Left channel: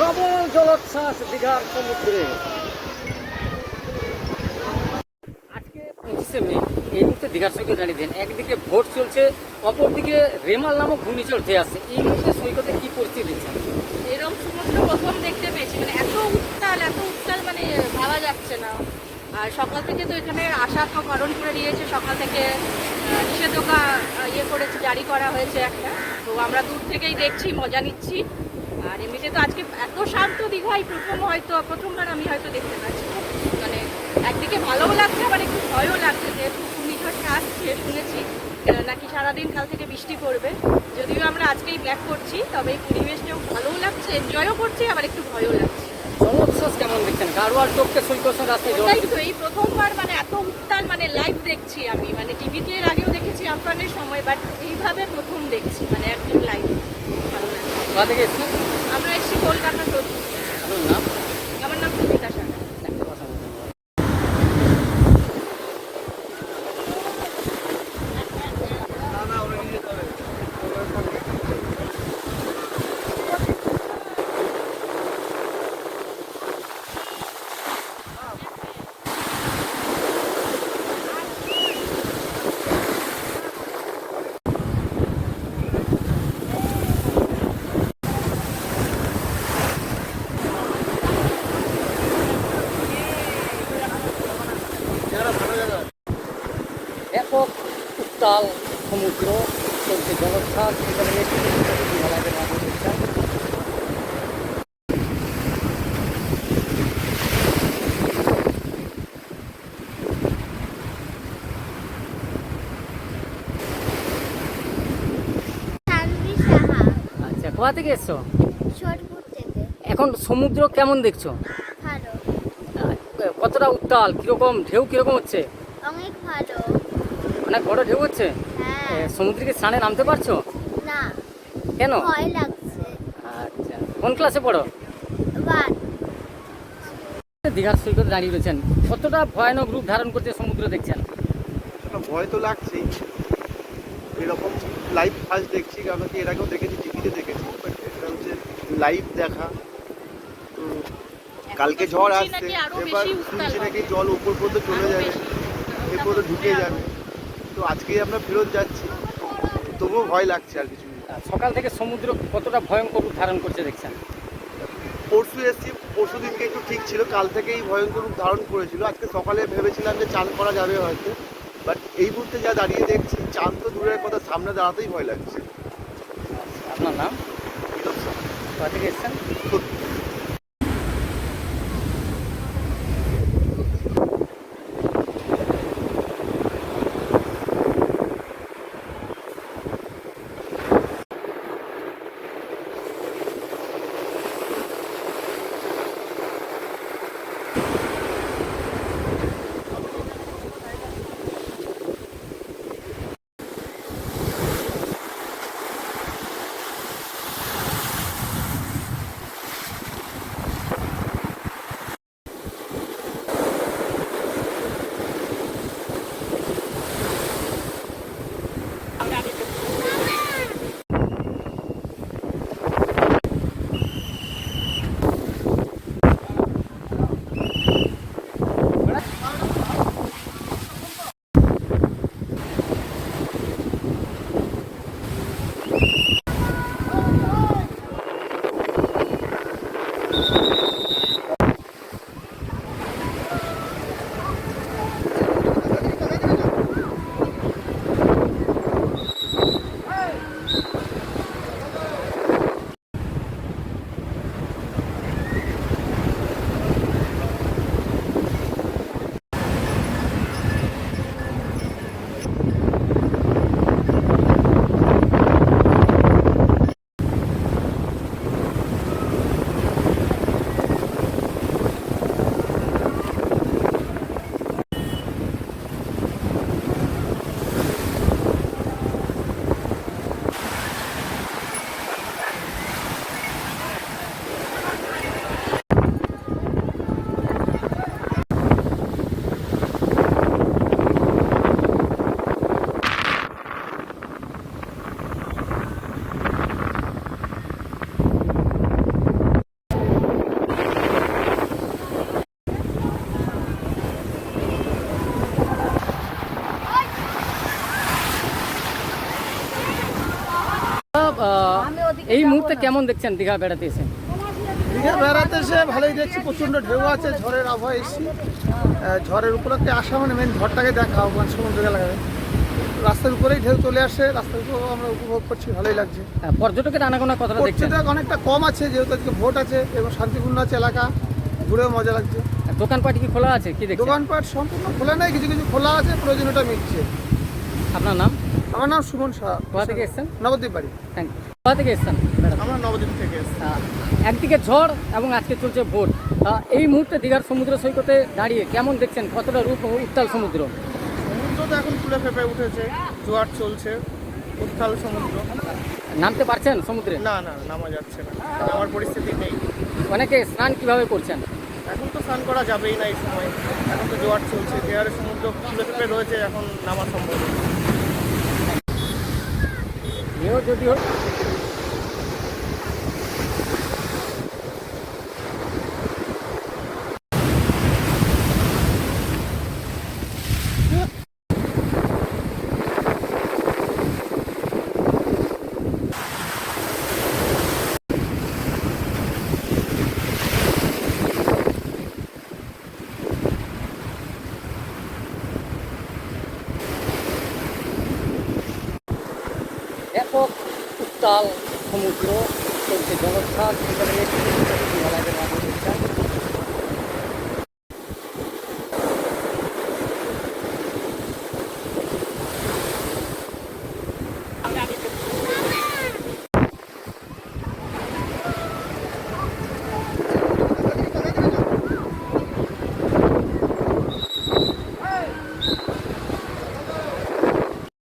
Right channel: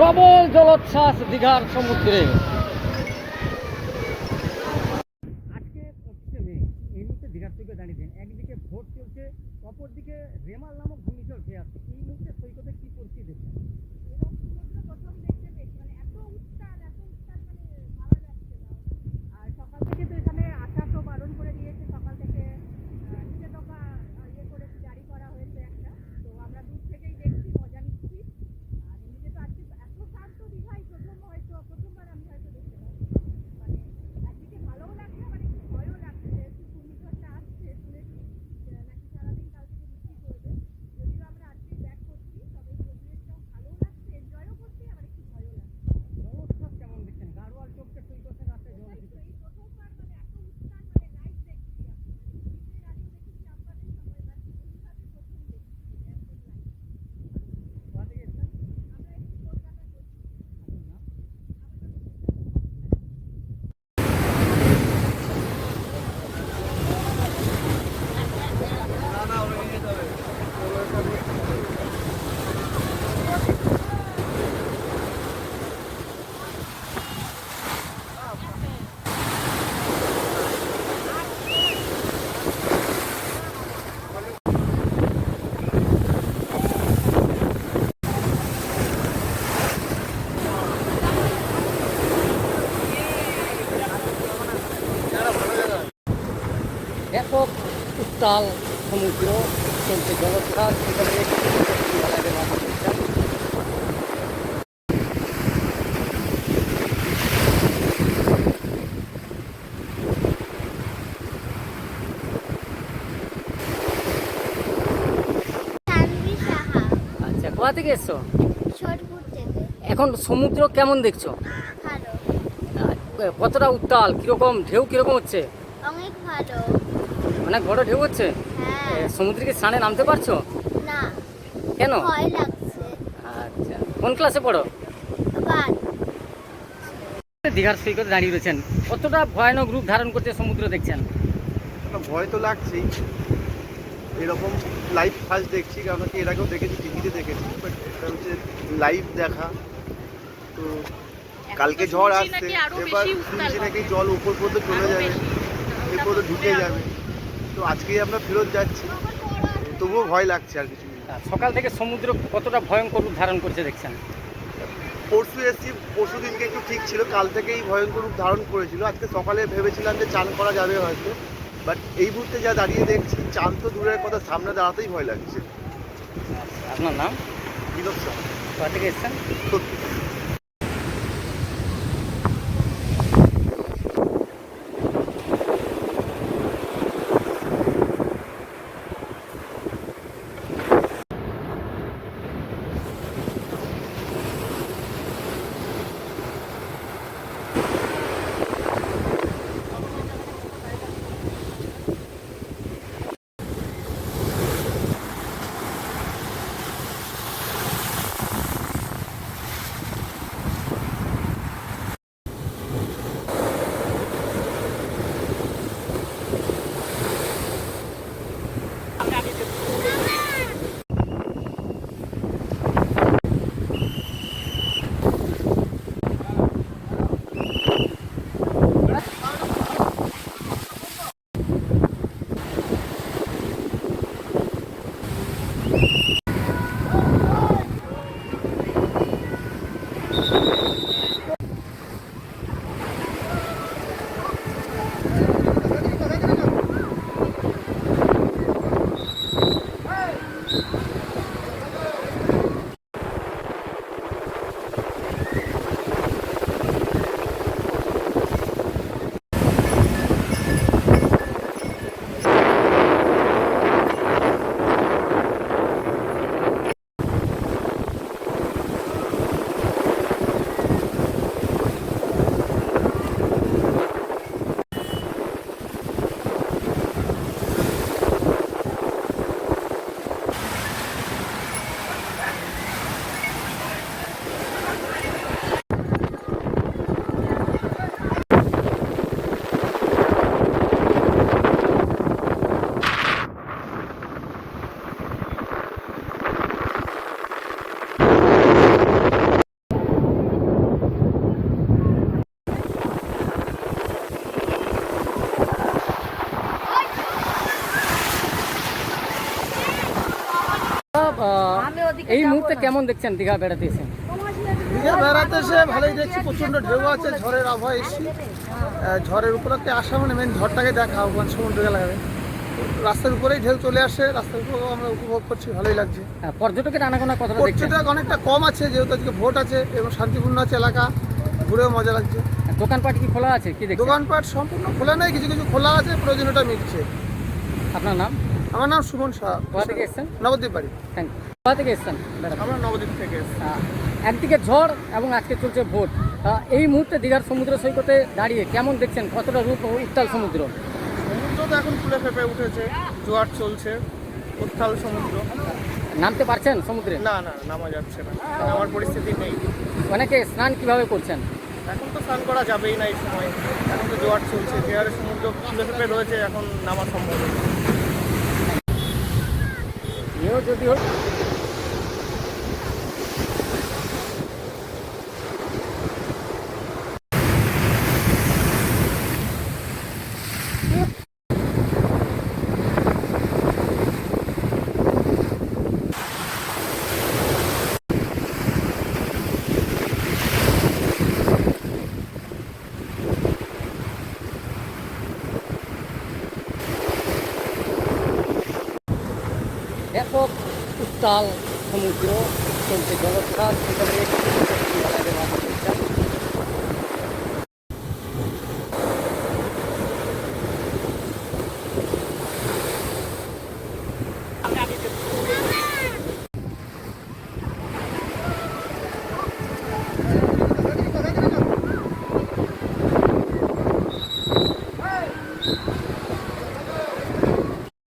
প্রবল জলোচ্ছ্বাস দীঘার সমুদ্রে। আজকে পঁচিশে মে, এই মুহূর্তে দীঘার সৈকত দাঁড়িয়ে দেন। একদিকে ভোট চলছে, অপরদিকে রেমাল নামক ঘূর্ণিঝড় ধেয়ে আসছে এই মুহূর্তে সৈকতে কি পরিস্থিতি? দেখছেন এরকম সমুদ্র প্রথম দেখতে পেয়েছি। মানে এত উত্তাল এত উত্তাল মানে ভাবা যাচ্ছে না। আর সকাল থেকে তো এখানে আসার তো কারণ করে দিয়েছে সকাল থেকে নিষেধাজ্ঞা ইয়ে করেছে, জারি করা হয়েছে একটা। তো আমরা দূর থেকেই দেখছি, মজা নিচ্ছি। আর এমনিতে তো আজকে এত শান্ত দীঘাই প্রথম হয়তো প্রথমবার আমি হয়তো দেখতে পাচ্ছি। মানে একদিকে ভালোও লাগছে আবার একটু ভয়ও লাগছে যেহেতু ঘূর্ণিঝড়টা আসছে শুনেছি। নাকি সারাদিন কাল থেকে বৃষ্টি পড়বে। যদিও আমরা আজকেই ব্যাক করছি তবে এই পরিবেশটাও ভালোও লাগছে এনজয়ও করছি আবার একটু ভয়ও লাগছে। কেমন দেখছেন? গাড়োয়ার চোখকে সৈকত রাস্তায় জল তো এই প্রথমবার মানে এত উত্তাল মানে লাইভ দেখছি আমি। মানে টিভিতে এর আগেও দেখেছি আমফানের সময় বাট এইভাবে প্রথম দেখছি মানে একদম লাইভ ভালো লাগছে। আমরা এসেছি কলকাতা তো আপনার নাম আমার নাম সুমিতা সাহা একটা কথা বলুন। ব্যাপক উত্তাল সমুদ্র চলছে জলোচ্ছ্বাস সেখানে একটু মাধ্যমে আচ্ছা কোথা থেকে এসছো? এখন সমুদ্র কেমন দেখছ? কতটা উত্তাল? কীরকম ঢেউ কীরকম হচ্ছে? অনেক ভালো। অনেক বড় ঢেউ হচ্ছে? হ্যাঁ। সমুদ্রে কি স্নানে নামতে পারছ? না। কেন? ভয় লাগছে। আচ্ছা। কোন ক্লাসে পড়ো? দীঘার সৈকতে দাঁড়িয়ে রয়েছেন। কতটা ভয়ানক রূপ ধারণ করছে সমুদ্র দেখছেন? ভয় তো লাগছেই। এরকম লাইভ ফার্স্ট দেখছি কারণ কি এর আগেও দেখেছি টিভিতে দেখেছি বাট এটা হচ্ছে লাইভ দেখা। তো কালকে ঝড় আসছে এবার শুনছি নাকি জল উপর পর্যন্ত চলে যাবে। এরপর তো ঢুকে যাবে। তো আজকেই আমরা ফেরত যাচ্ছি। তবুও ভয় লাগছে আর কিছু। আর সকাল থেকে সমুদ্র কতটা ভয়ঙ্কর রূপ ধারণ করছে দেখছেন? পরশু এসছি পরশু দিনকে একটু ঠিক ছিল কাল থেকেই ভয়ঙ্কর রূপ ধারণ করেছিল। আজকে সকালে ভেবেছিলাম যে চান করা যাবে হয়তো বাট এই মুহূর্তে যা দাঁড়িয়ে দেখছি চান তো দূরের কথা সামনে দাঁড়াতেই ভয় লাগছে। আচ্ছা আপনার নাম? বিনোদ সাহা। কোথা থেকে এসছেন? এই মুহূর্তে কেমন দেখছেন দীঘা বেড়াতে এসে? দীঘা বেড়াতে এসে ভালোই দেখছি প্রচণ্ড ঢেউ আছে ঝড়ের আবহাওয়া এসছি। ঝড়ের উপলক্ষে আসা মানে মেন ঝড়টাকে দেখা ওখানে সমুদ্র এলাকায় রাস্তার উপরেই ঢেউ চলে আসে রাস্তার উপরেও আমরা উপভোগ করছি ভালোই লাগছে। পর্যটকের আনাগোনা কতটা পর্যটক অনেকটা কম আছে যেহেতু আজকে ভোট আছে এবং শান্তিপূর্ণ আছে এলাকা ঘুরেও মজা লাগছে। দোকানপাট কি খোলা আছে? কি দোকানপাট সম্পূর্ণ খোলা নেই কিছু কিছু খোলা আছে প্রয়োজনীয়টা মিটছে। আপনার নাম? আমার নাম সুমন শাহ কোথা থেকে এসেছেন? নবদ্বীপ বাড়ি। থ্যাংক ইউ কোথা থেকে এসেছেন আমরা নবদ্বীপ থেকে একদিকে ঝড় এবং আজকে চলছে ভোট। এই মুহূর্তে দীঘার সমুদ্র সৈকতে দাঁড়িয়ে কেমন দেখছেন? কতটা রূপ উত্তাল সমুদ্র? সমুদ্র তো এখন ফুলে ফেপে উঠেছে জোয়ার চলছে উত্তাল সমুদ্র। নামতে পারছেন সমুদ্রে? না না নামা যাচ্ছে না। আমার পরিস্থিতি নেই। অনেকে স্নান কীভাবে করছেন? এখন তো স্নান করা যাবেই না এই সময়। এখন তো জোয়ার চলছে বিহারের সমুদ্র ফুলে ফেপে রয়েছে এখন নামা সম্ভব এও যদিও ব্যাপক উত্তাল সমুদ্র চলছে জলোচ্ছ্বাস সেখানে